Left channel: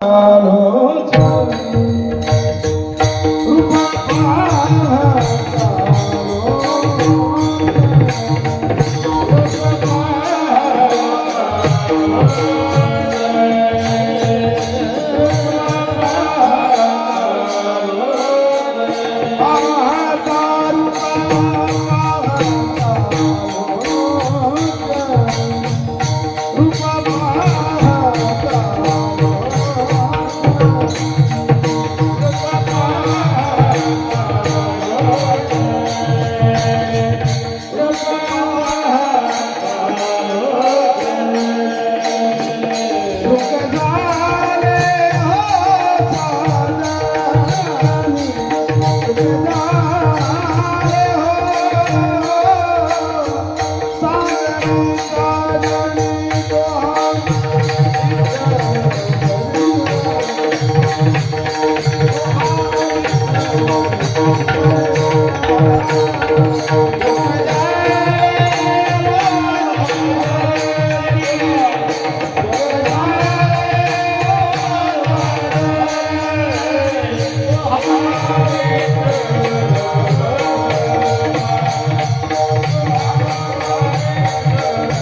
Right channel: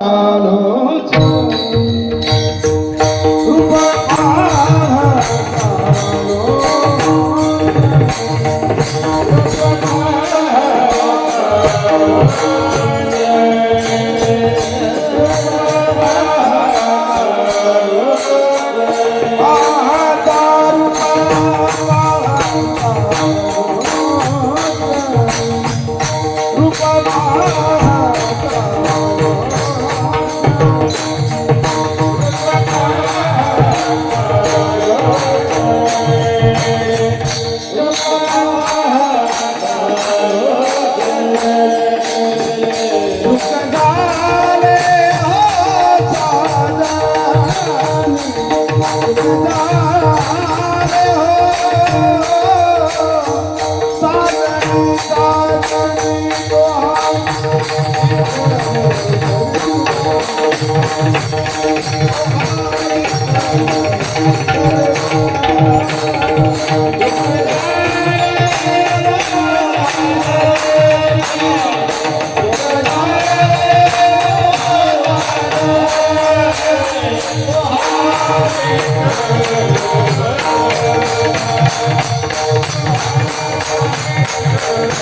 Hallelujah. Oh